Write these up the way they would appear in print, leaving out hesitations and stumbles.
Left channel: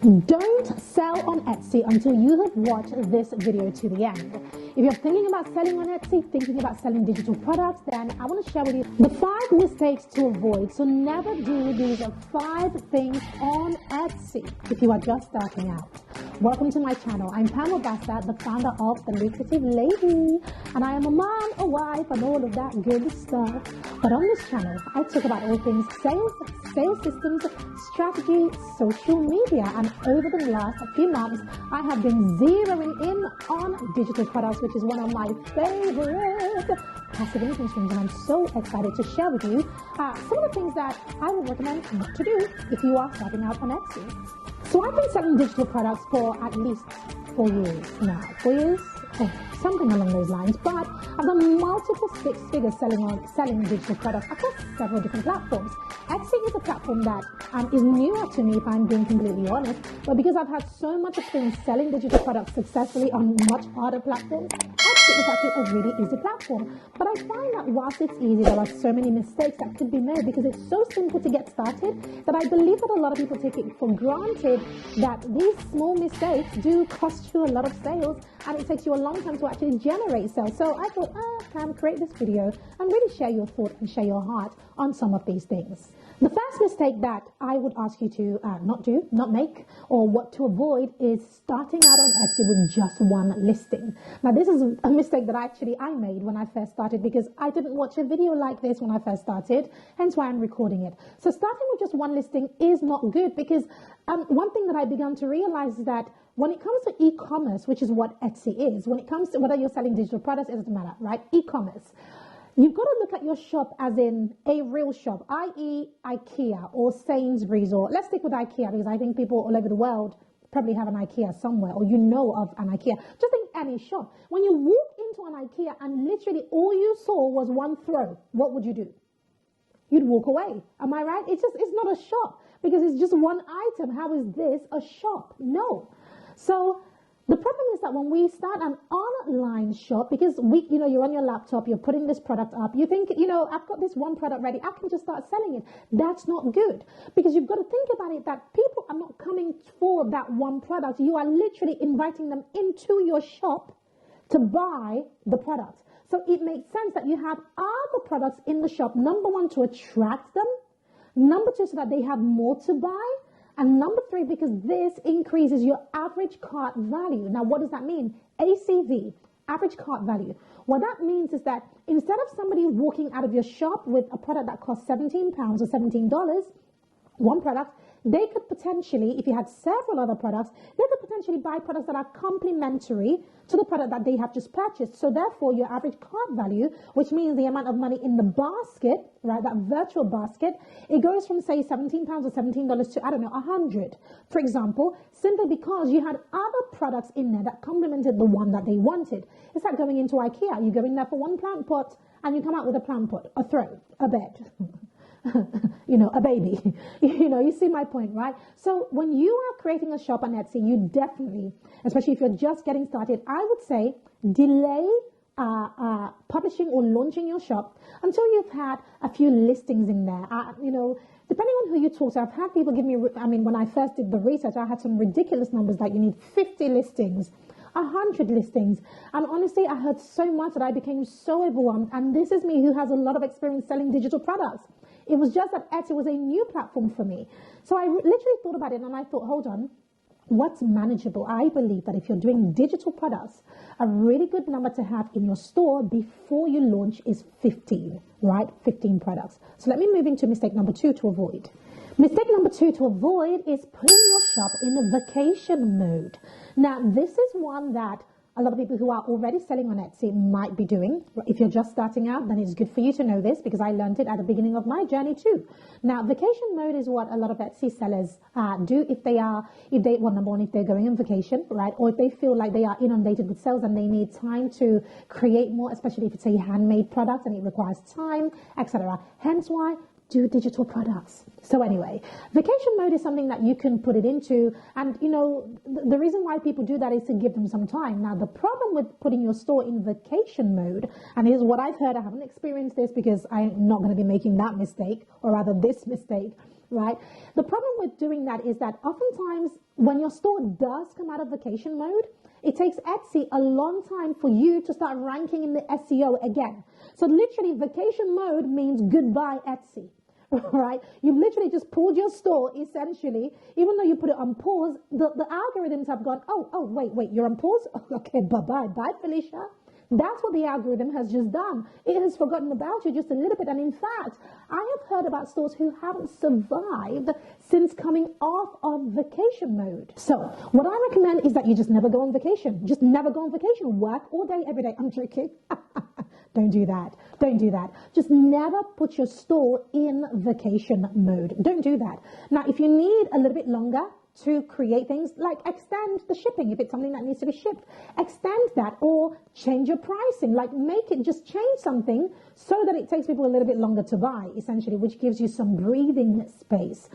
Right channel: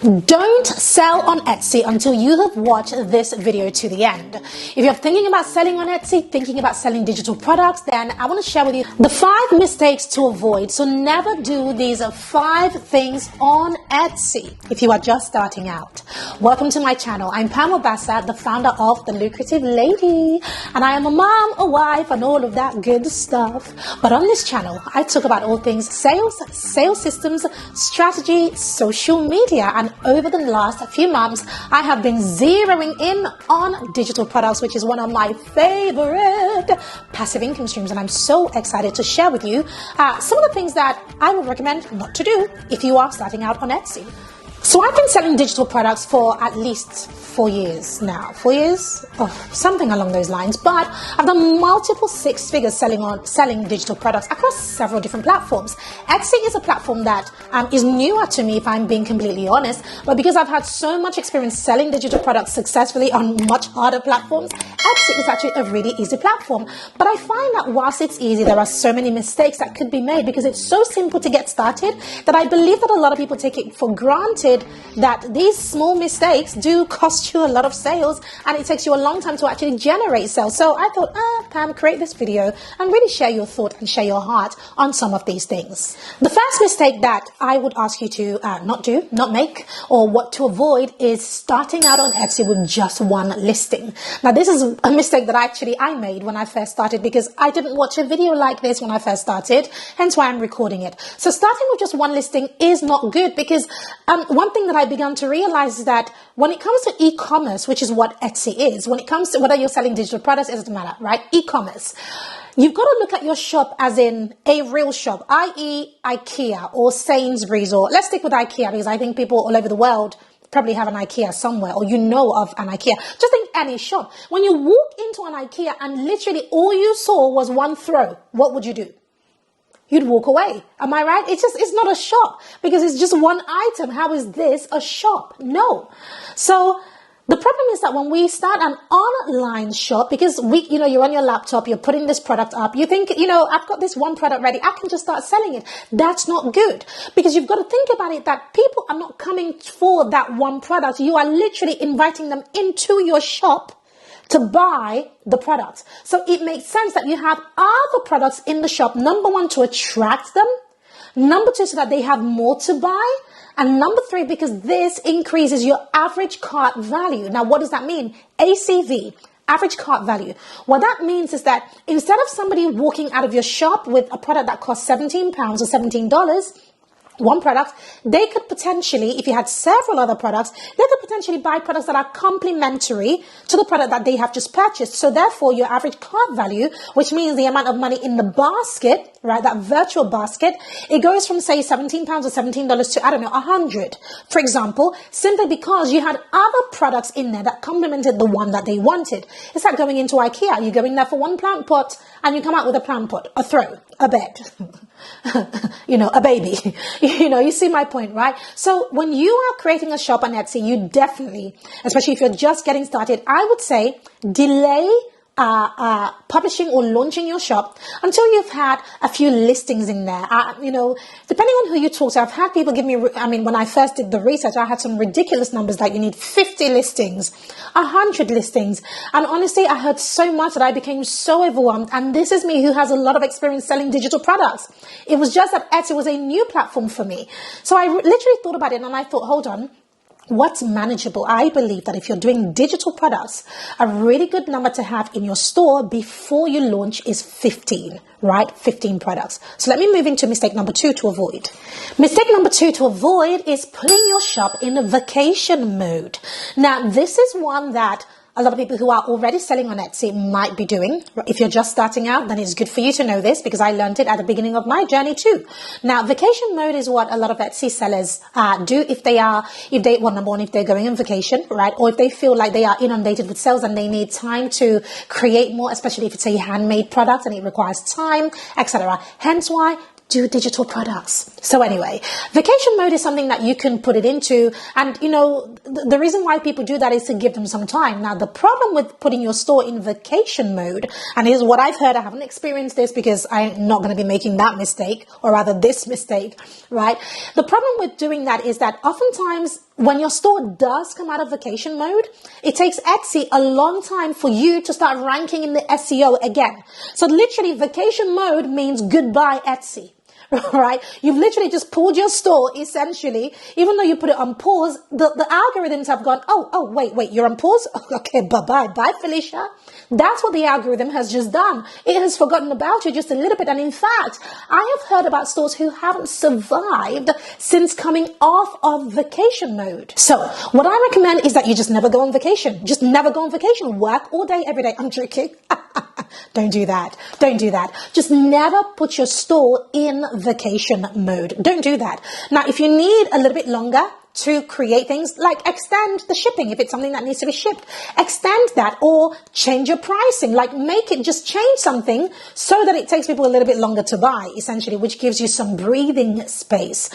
Don't sell on Etsy until you have watched this video to the end. If you're thinking about selling on Etsy, thinking about selling digital products, then I want to share with you the 5 mistakes to avoid. So never do these 5 things on Etsy if you are just starting out. Welcome to my channel. I'm Pam Obasa, the founder of The Lucrative Lady, and I am a mom, a wife, and all of that good stuff. But on this channel, I talk about all things sales, sales systems, strategy, social media, and over the last few months, I have been zeroing in on digital products, which is one of my favorite passive income streams. And I'm so excited to share with you some of the things that I would recommend not to do if you are starting out on Etsy. So I've been selling digital products for at least 4 years now. 4 years? Oh, something along those lines. But I've done multiple 6 figures selling digital products across several different platforms. Etsy is a platform that is newer to me, if I'm being completely honest. But because I've had so much experience selling digital products successfully on much harder platforms, Etsy is actually a really easy platform. But I find that whilst it's easy, there are so many mistakes that could be made because it's so simple to get started that I believe that a lot of people take it for granted that these small mistakes do cost you a lot of sales, and it takes you a long time to actually generate sales. So I thought, Pam, create this video and really share your thought and share your heart on some of these things. The first mistake that I would ask you to not make, or what to avoid, is starting out on Etsy with just one listing. Now, this is a mistake that I made when I first started because I didn't watch a video like this when I first started, hence why I'm recording it. So starting with just one listing is not good because one thing that I began to realize is that when it comes to e-commerce, which is what Etsy is, when it comes to whether you're selling digital products, it doesn't matter, right? E-commerce. You've got to look at your shop as in a real shop, i.e. IKEA or Sainsbury's, or let's stick with IKEA because I think people all over the world probably have an IKEA somewhere, or you know of an IKEA. Just think any shop. When you walk into an IKEA and literally all you saw was one throw, what would you do? You'd walk away. Am I right? It's not a shop because it's just one item. How is this a shop? No. So the problem is that when we start an online shop, because you're on your laptop, you're putting this product up, you think, I've got this one product ready, I can just start selling it. That's not good because you've got to think about it that people are not coming for that one product. You are literally inviting them into your shop to buy the product. So it makes sense that you have other products in the shop. Number 1, to attract them. Number 2, so that they have more to buy. And number 3, because this increases your average cart value. Now, what does that mean? ACV, average cart value. What that means is that instead of somebody walking out of your shop with a product that costs £17 or $17, one product, they could potentially, if you had several other products, they could potentially buy products that are complementary to the product that they have just purchased. So therefore, your average cart value, which means the amount of money in the basket, right, that virtual basket, it goes from, say, £17 or $17 to, $100, for example, simply because you had other products in there that complemented the one that they wanted. It's like going into IKEA. You go in there for one plant pot and you come out with a plant pot, a throw, a bed. A baby. You see my point, right? So when you are creating a shop on Etsy, you definitely, especially if you're just getting started, I would say delay publishing or launching your shop until you've had a few listings in there. Depending on who you talk to, I've had people give me, when I first did the research, I had some ridiculous numbers like you need 50 listings, 100 listings. And honestly, I heard so much that I became so overwhelmed. And this is me who has a lot of experience selling digital products. It was just that Etsy was a new platform for me. So I literally thought about it and I thought, hold on. What's manageable? I believe that if you're doing digital products, a really good number to have in your store before you launch is 15, right? 15 products. So let me move into mistake number 2 to avoid. Mistake number 2 to avoid is putting your shop in a vacation mode. Now, this is one that a lot of people who are already selling on Etsy might be doing. If you're just starting out, then it's good for you to know this because I learned it at the beginning of my journey too. Now, vacation mode is what a lot of Etsy sellers do if number 1, if they're going on vacation, right? Or if they feel like they are inundated with sales and they need time to create more, especially if it's a handmade product and it requires time, etc. Hence why do digital products. So anyway, vacation mode is something that you can put it into. And, the reason why people do that is to give them some time. Now, the problem with putting your store in vacation mode, and here's what I've heard, I haven't experienced this because I'm not going to be making that mistake, or rather this mistake, right? The problem with doing that is that oftentimes when your store does come out of vacation mode, it takes Etsy a long time for you to start ranking in the SEO again. So literally vacation mode means goodbye Etsy. Right? You've literally just pulled your store, essentially. Even though you put it on pause, the algorithms have gone, wait, you're on pause? Okay, bye, Felicia. That's what the algorithm has just done. It has forgotten about you just a little bit. And in fact, I have heard about stores who haven't survived since coming off of vacation mode. So what I recommend is that you just never go on vacation. Just never go on vacation. Work all day, every day. I'm joking. Don't do that. Don't do that. Just never put your store in vacation mode. Don't do that. Now, if you need a little bit longer to create things, like extend the shipping if it's something that needs to be shipped, extend that, or change your pricing, like make it, just change something so that it takes people a little bit longer to buy, essentially, which gives you some breathing space,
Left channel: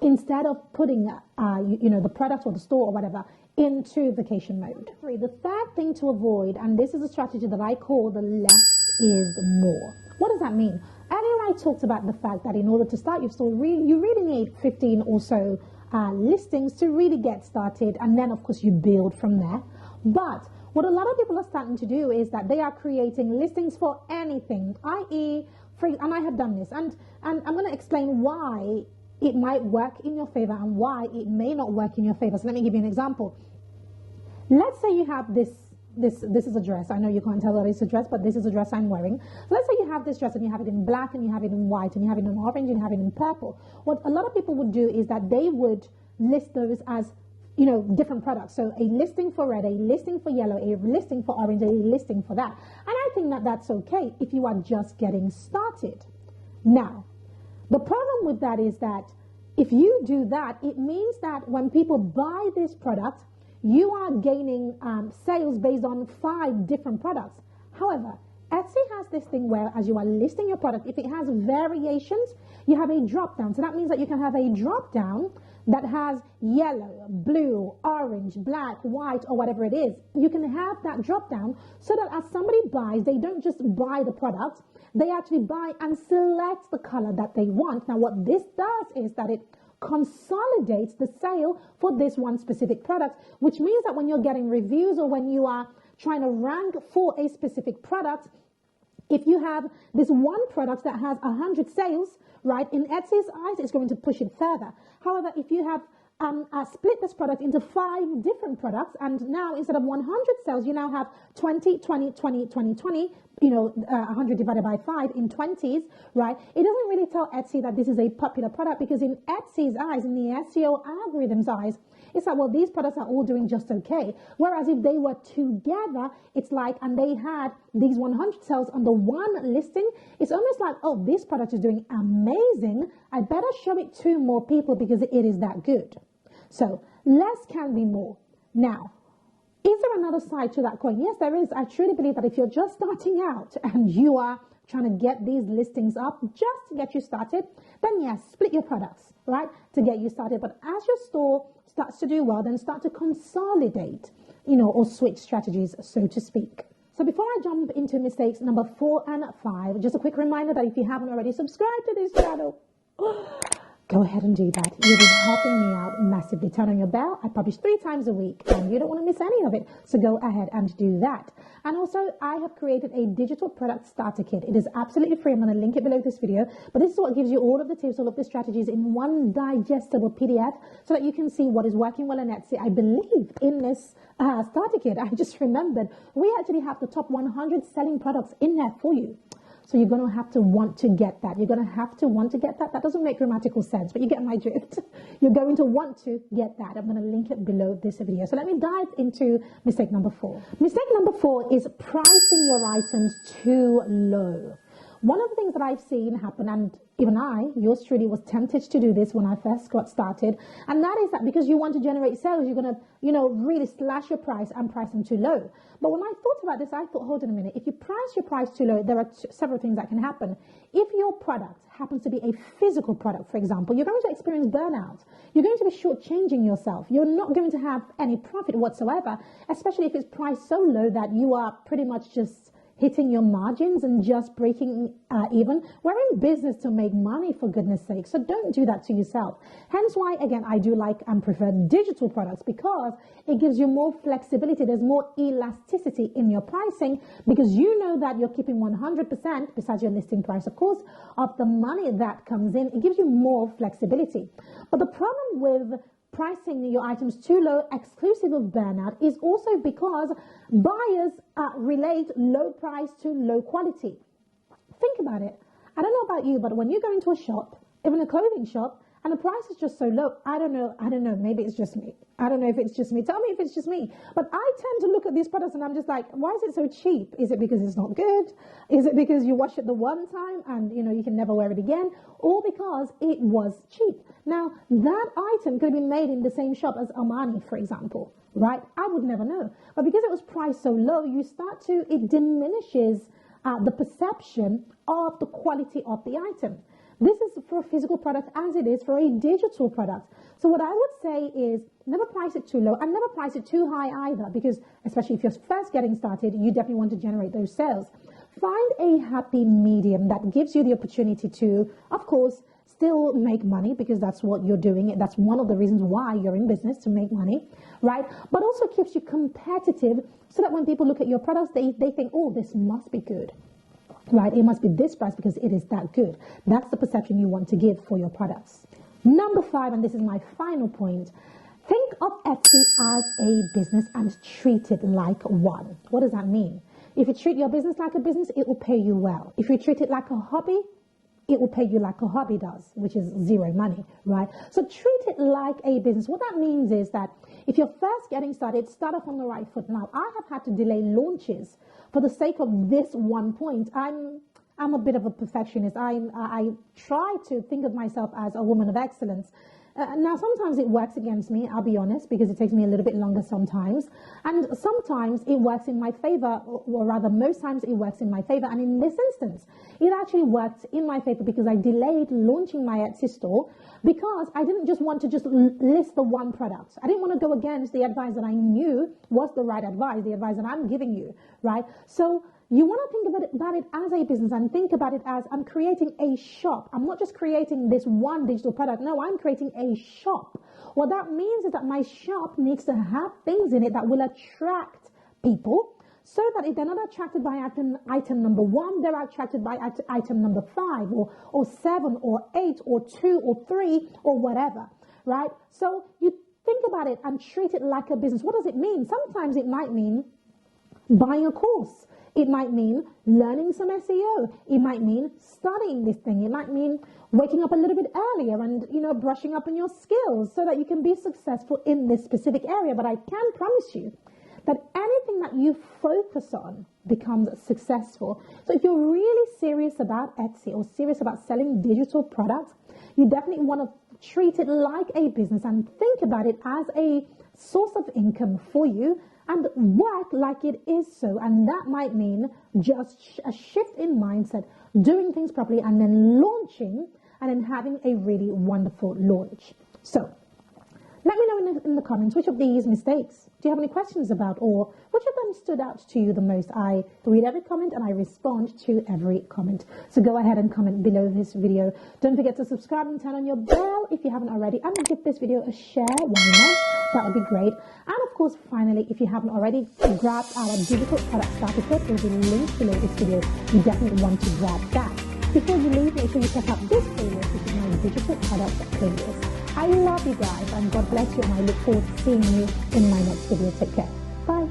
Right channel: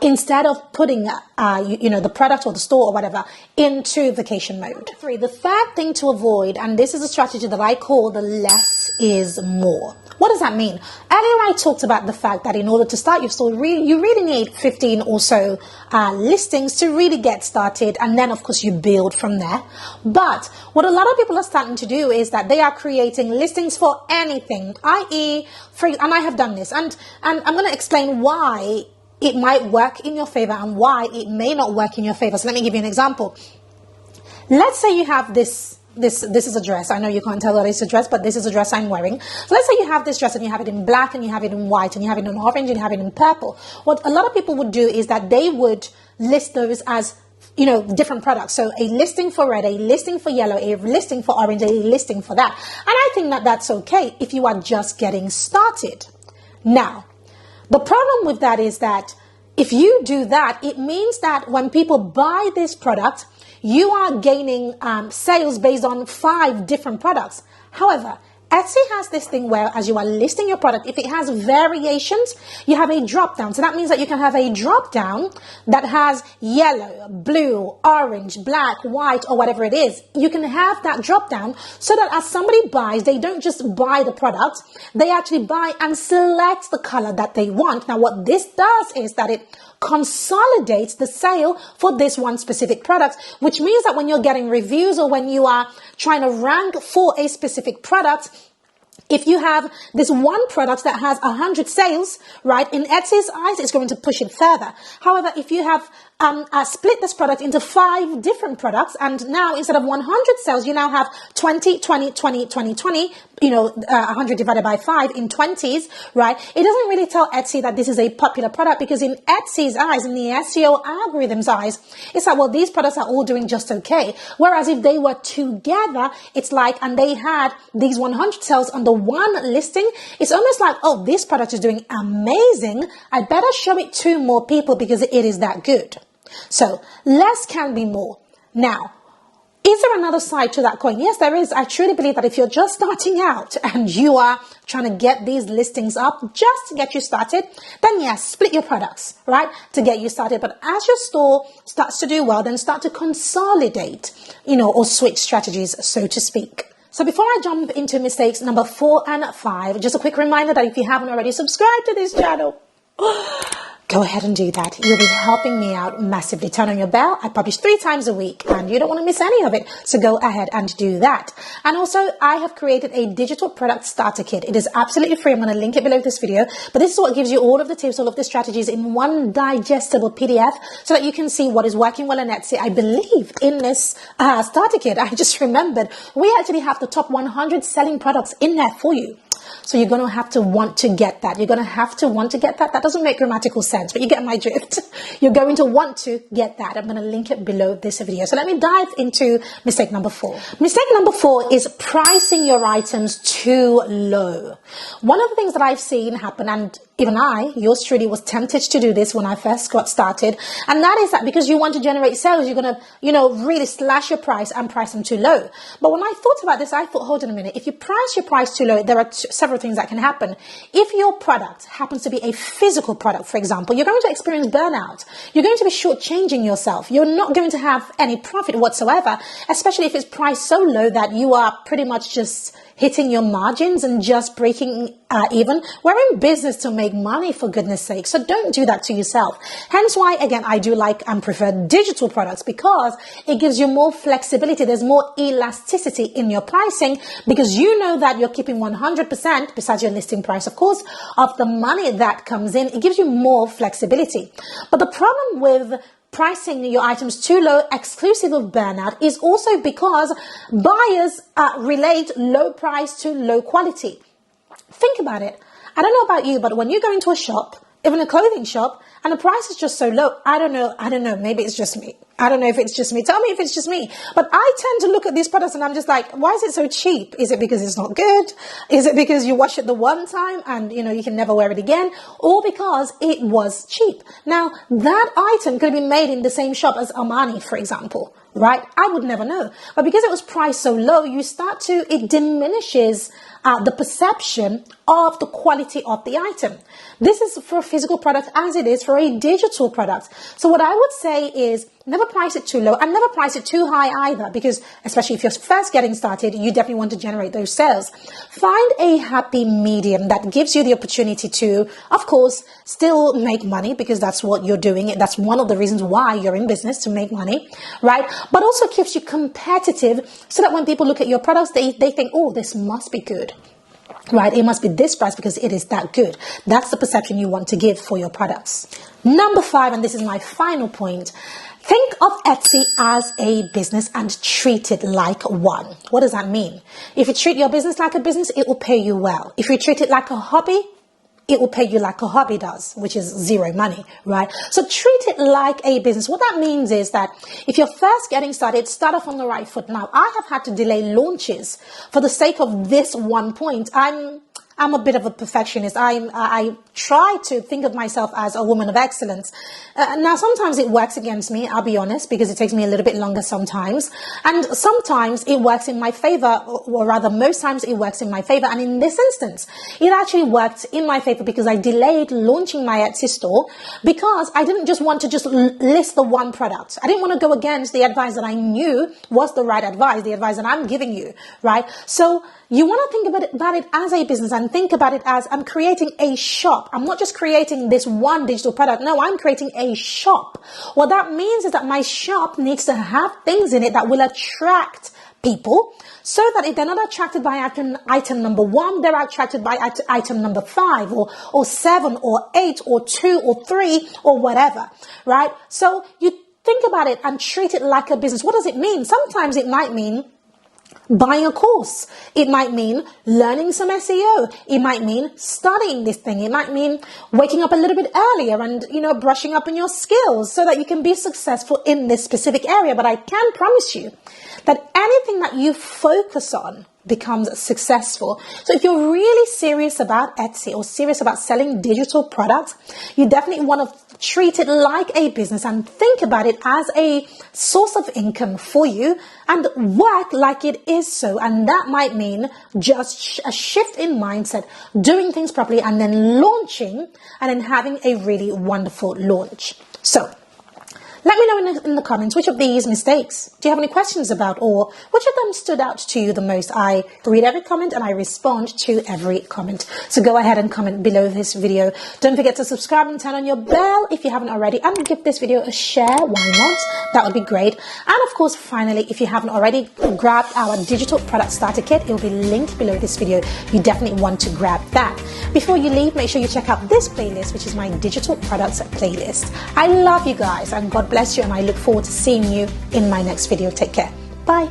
instead of putting the product or the store or whatever into vacation mode. 3, the third thing to avoid, and this is a strategy that I call the less is more. What does that mean? Earlier I talked about the fact that in order to start your store, you really need 15 or so listings to really get started, and then of course you build from there. But what a lot of people are starting to do is that they are creating listings for anything, i.e., and I have done this, and I'm going to explain why it might work in your favor and why it may not work in your favor. So let me give you an example. Let's say you have this is a dress. I know you can't tell that it's a dress, but this is a dress I'm wearing. So let's say you have this dress and you have it in black and you have it in white and you have it in orange and you have it in purple. What a lot of people would do is that they would list those as, different products. So a listing for red, a listing for yellow, a listing for orange, a listing for that. And I think that that's okay if you are just getting started. Now, the problem with that is that if you do that, it means that when people buy this product, you are gaining sales based on 5 different products. However, Etsy has this thing where as you are listing your product, if it has variations, you have a drop down. So that means that you can have a drop down that has yellow, blue, orange, black, white, or whatever it is. You can have that drop down so that as somebody buys, they don't just buy the product, they actually buy and select the color that they want. Now, what this does is that it consolidates the sale for this one specific product, which means that when you're getting reviews or when you are trying to rank for a specific product, if you have this one product that has 100 sales, right, in Etsy's eyes, it's going to push it further. However, if you have split this product into 5 different products, and now instead of 100 sales, you now have 20, 20, 20, 20, 20, 100 divided by 5 in 20s, right? It doesn't really tell Etsy that this is a popular product, because in Etsy's eyes, in the SEO algorithm's eyes, it's like, well, these products are all doing just okay. Whereas if they were together, it's like, and they had these 100 sales on the one listing, it's almost like, oh, this product is doing amazing. I better show it to more people because it is that good. So less can be more. Now, is there another side to that coin? Yes, there is. I truly believe that if you're just starting out and you are trying to get these listings up just to get you started, then yes, split your products, right, to get you started. But as your store starts to do well, then start to consolidate, or switch strategies, so to speak. So before I jump into mistakes number 4 and 5, just a quick reminder that if you haven't already subscribed to this channel, go ahead and do that. You'll be helping me out massively. Turn on your bell. I publish 3 times a week and you don't want to miss any of it. So go ahead and do that. And also, I have created a digital product starter kit. It is absolutely free. I'm going to link it below this video. But this is what gives you all of the tips, all of the strategies in one digestible PDF so that you can see what is working well on Etsy. I believe in this starter kit, I just remembered, we actually have the top 100 selling products in there for you. So you're going to have to want to get that. You're going to have to want to get that. That doesn't make grammatical sense, but you get my drift. You're going to want to get that. I'm going to link it below this video. So let me dive into mistake number 4. Mistake number 4 is pricing your items too low. One of the things that I've seen happen, and even I, yours truly, was tempted to do this when I first got started. And that is that because you want to generate sales, you're going to, really slash your price and price them too low. But when I thought about this, I thought, hold on a minute. If you price your price too low, there are several things that can happen. If your product happens to be a physical product, for example, you're going to experience burnout. You're going to be shortchanging yourself. You're not going to have any profit whatsoever, especially if it's priced so low that you are pretty much just hitting your margins and just breaking even. We're in business to make money, for goodness sake. So don't do that to yourself. Hence why, again, I do like and prefer digital products, because it gives you more flexibility. There's more elasticity in your pricing, because you know that you're keeping 100%, besides your listing price, of course, of the money that comes in. It gives you more flexibility. But the problem with pricing your items too low, exclusive of burnout, is also because buyers relate low price to low quality. Think about it. I don't know about you, but when you go into a shop, even a clothing shop, and the price is just so low, I don't know, maybe it's just me. I don't know if it's just me. Tell me if it's just me. But I tend to look at these products and I'm just like, why is it so cheap? Is it because it's not good? Is it because you wash it the one time and, you can never wear it again? Or because it was cheap? Now, that item could have been made in the same shop as Armani, for example, right? I would never know. But because it was priced so low, it diminishes the perception of the quality of the item. This is for a physical product as it is for a digital product. So what I would say is never price it too low and never price it too high either, because especially if you're first getting started, you definitely want to generate those sales. Find a happy medium that gives you the opportunity to, of course, still make money, because that's what you're doing. That's one of the reasons why you're in business, to make money, right? But also keeps you competitive, so that when people look at your products, they think, oh, this must be good. Right? It must be this price because it is that good. That's the perception you want to give for your products. Number 5, and this is my final point. Think of Etsy as a business and treat it like one. What does that mean? If you treat your business like a business, it will pay you well. If you treat it like a hobby, it will pay you like a hobby does, which is zero money, right? So treat it like a business. What that means is that if you're first getting started, start off on the right foot. Now, I have had to delay launches for the sake of this one point. I'm a bit of a perfectionist. I try to think of myself as a woman of excellence. Now, sometimes it works against me, I'll be honest, because it takes me a little bit longer sometimes. And sometimes it works in my favor, or rather, most times it works in my favor. And in this instance, it actually worked in my favor because I delayed launching my Etsy store, because I didn't just want to just list the one product. I didn't want to go against the advice that I knew was the right advice, the advice that I'm giving you, right? So you want to think about it as a business, and think about it as, I'm creating a shop. I'm not just creating this one digital product. No, I'm creating a shop. What that means is that my shop needs to have things in it that will attract people, so that if they're not attracted by item number 1, they're attracted by item number 5 or 7 or 8 or 2 or 3 or whatever, right? So you think about it and treat it like a business. What does it mean? Sometimes it might mean buying a course. It might mean learning some SEO. It might mean studying this thing. It might mean waking up a little bit earlier and, brushing up on your skills so that you can be successful in this specific area. But I can promise you that anything that you focus on becomes successful. So if you're really serious about Etsy or serious about selling digital products, you definitely want to treat it like a business and think about it as a source of income for you, and work like it is so. And that might mean just a shift in mindset, doing things properly, and then launching, and then having a really wonderful launch. So let me know in the comments, which of these mistakes do you have any questions about, or which of them stood out to you the most? I read every comment and I respond to every comment. So go ahead and comment below this video. Don't forget to subscribe and turn on your bell if you haven't already, and give this video a share. Why not? That would be great. And of course, finally, if you haven't already grabbed our digital product starter kit, it will be linked below this video. You definitely want to grab that. Before you leave, make sure you check out this playlist, which is my digital products playlist. I love you guys, and God bless you, and I look forward to seeing you in my next video. Take care. Bye.